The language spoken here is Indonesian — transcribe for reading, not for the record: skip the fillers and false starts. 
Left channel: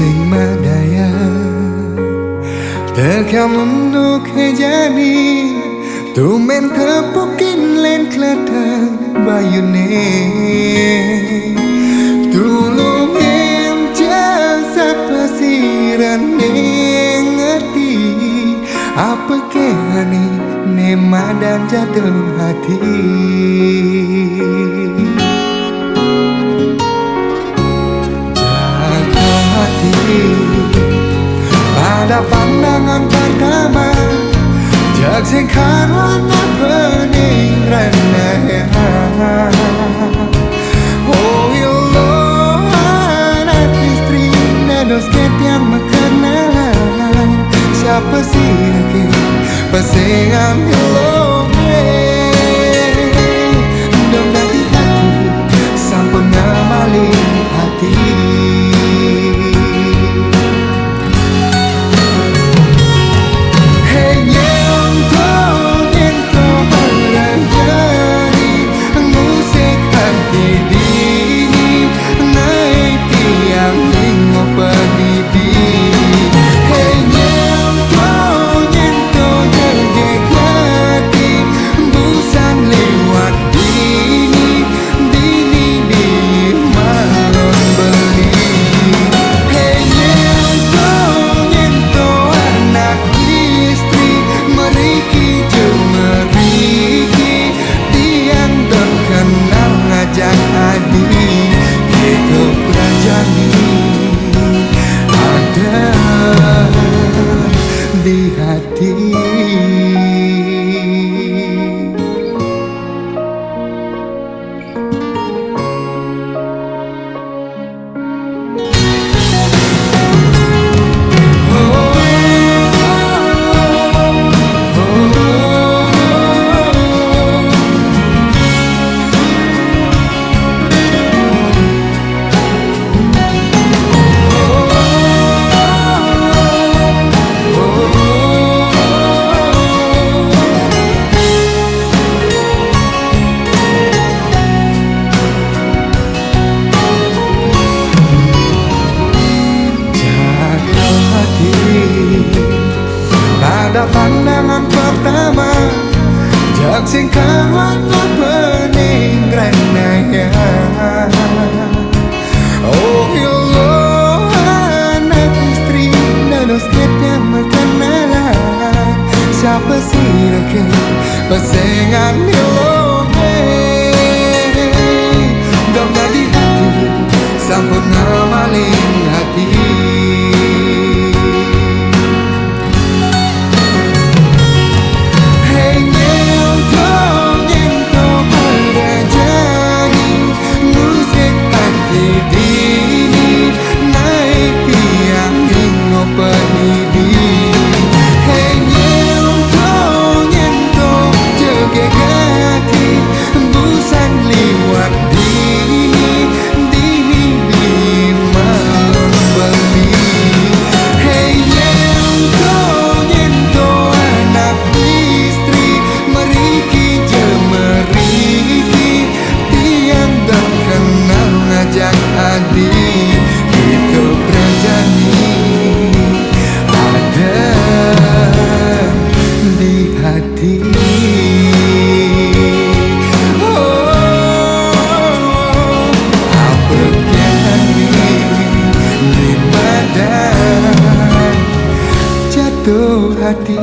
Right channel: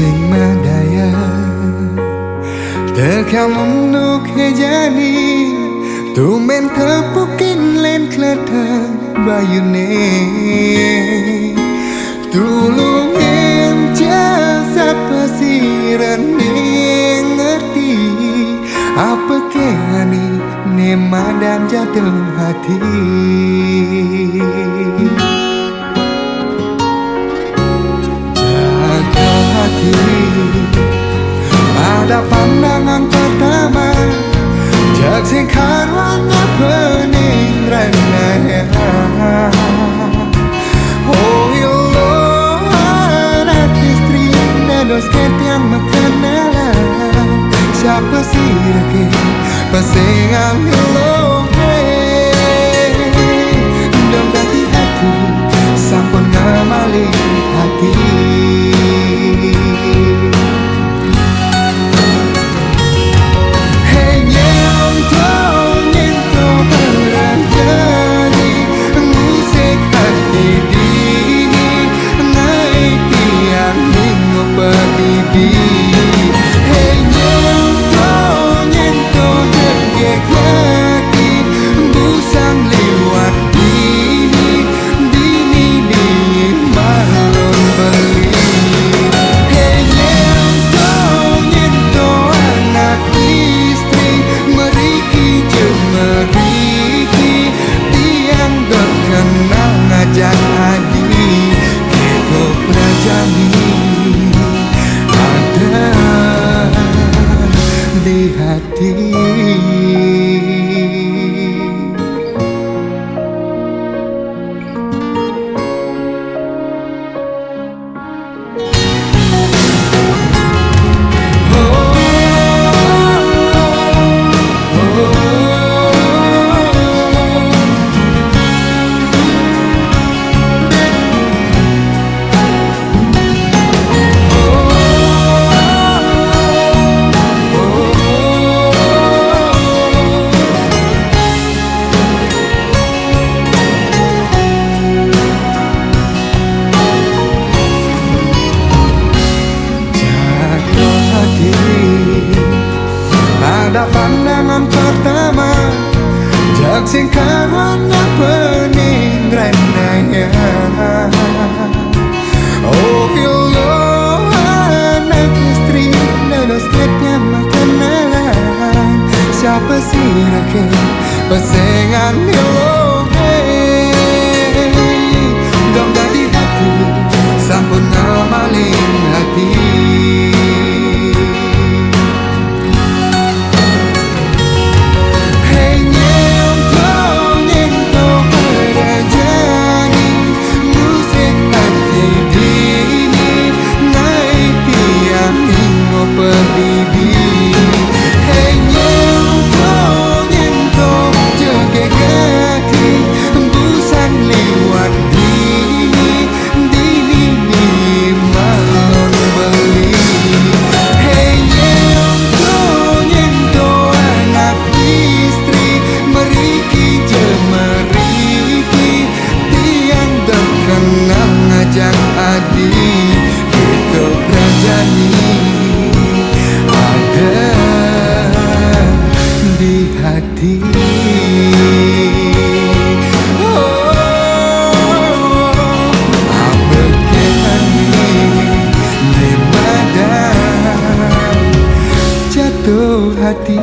Sing madaya tekan nuk hejani tumen tepukin len kletang bayune tulungin jasa pasiran ngerti apa kehani nema dan jatuh hati. Pada pandangan pertama jak sing karwana pening renaya. Oh ilo anak istri dados ketiang makanan siapa sih rake pasengan ilo dong dati hati sampun ngamaling hati. Pedidi hey nyento jegek hati busan lewat dini di malon beli. Hey nyento anak istri meriki meriki tiang dot kenal ngajak adi gitu prajani ada di hati. Pada pandangan pertama jak sing karwana pening renaya. Oh ilo anak istri dados ketiang makanan siapa sih rake pasengan ilo dong dadi hati sampun ngamaling hati. Pedidi hey nyento jegek hati busan liwat dini di malon beli. Hey nyento anak istri meriki meriki tiang dok kenal ngajak adi gitu berjani ada di hati. Oh, apa kehani di badan jatuh hati.